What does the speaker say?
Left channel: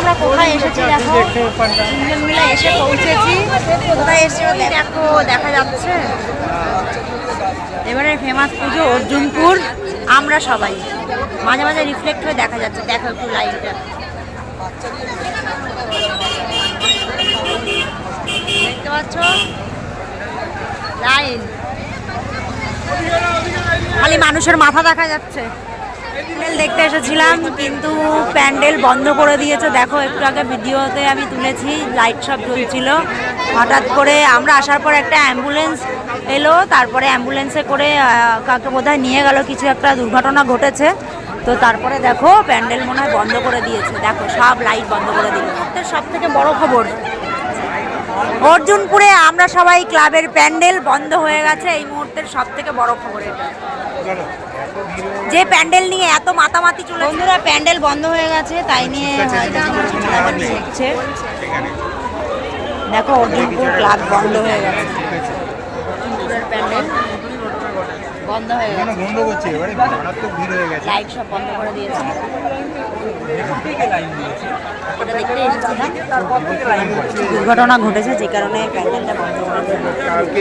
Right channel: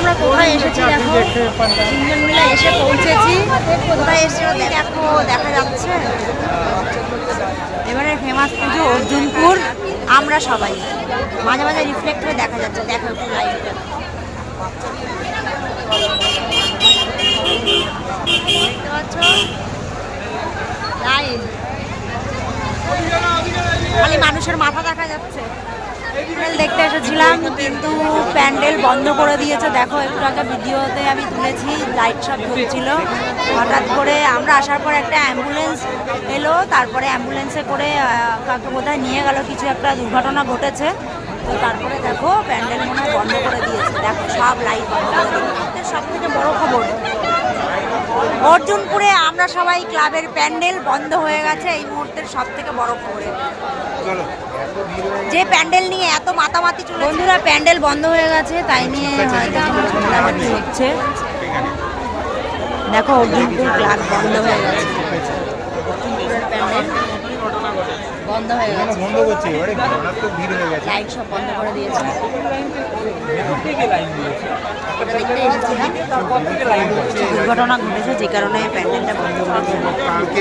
আমরা কোথায় এসেছি দেখো, তিনজন মিলে এসে পৌঁছেছি। কোথায় এসেছি দেখো, দেখা যাচ্ছে এবারে ফেমাস পুজো অর্জুনপুর। আমরা সবাই মাঝে মাঝে রিফ্লেক্ট হয়ে দেখা যাচ্ছে, দেখো একটু লাইটটা। দেখতে পাচ্ছ লাইট, খালি মানুষের মাথা দেখা যাচ্ছে। প্যান্ডেল দেখতে এসেছিলাম কিন্তু প্যান্ডেল বন্ধ করে দিয়েছে। দেখো একটু আগে ভিডিওতে আমি তুলেছি, লাইট সব জ্বলছিল। হঠাৎ করে আমরা আসার পর একটা অ্যাম্বুলেন্স এলো, তারপরে অ্যাম্বুলেন্সে করে কাউকে বোধহয় নিয়ে গেল, কিছু একটা দুর্ঘটনা ঘটেছে। তো তারপরে দেখো প্যান্ডেল মনে হয় বন্ধ করে দিয়েছে। দেখো সব লাইট বন্ধ করে দিল। সব থেকে বড় খবর, অর্জুনপুরে আমরা সবাই ক্লাবের প্যান্ডেল বন্ধ হয়ে গেছে। এই মুহূর্তের সব থেকে বড় খবর, যে প্যান্ডেল নিয়ে এত মাতামাতি চলে, বন্ধুরা প্যান্ডেল বন্ধ হয়ে গেছে, তাই নিয়ে হচ্ছে। দেখো অর্জুনপুর ক্লাব বন্ধ হয়ে গেছে, অর্জুনপুরের প্যান্ডেল বন্ধ হয়ে গেছে, লাইট সব বন্ধ করে দিয়েছে। এটা দেখতে এসেছিলাম, দুর্ঘটনা ঘটেছে যে কারণে প্যান্ডেলটা বন্ধ করে দিয়েছে।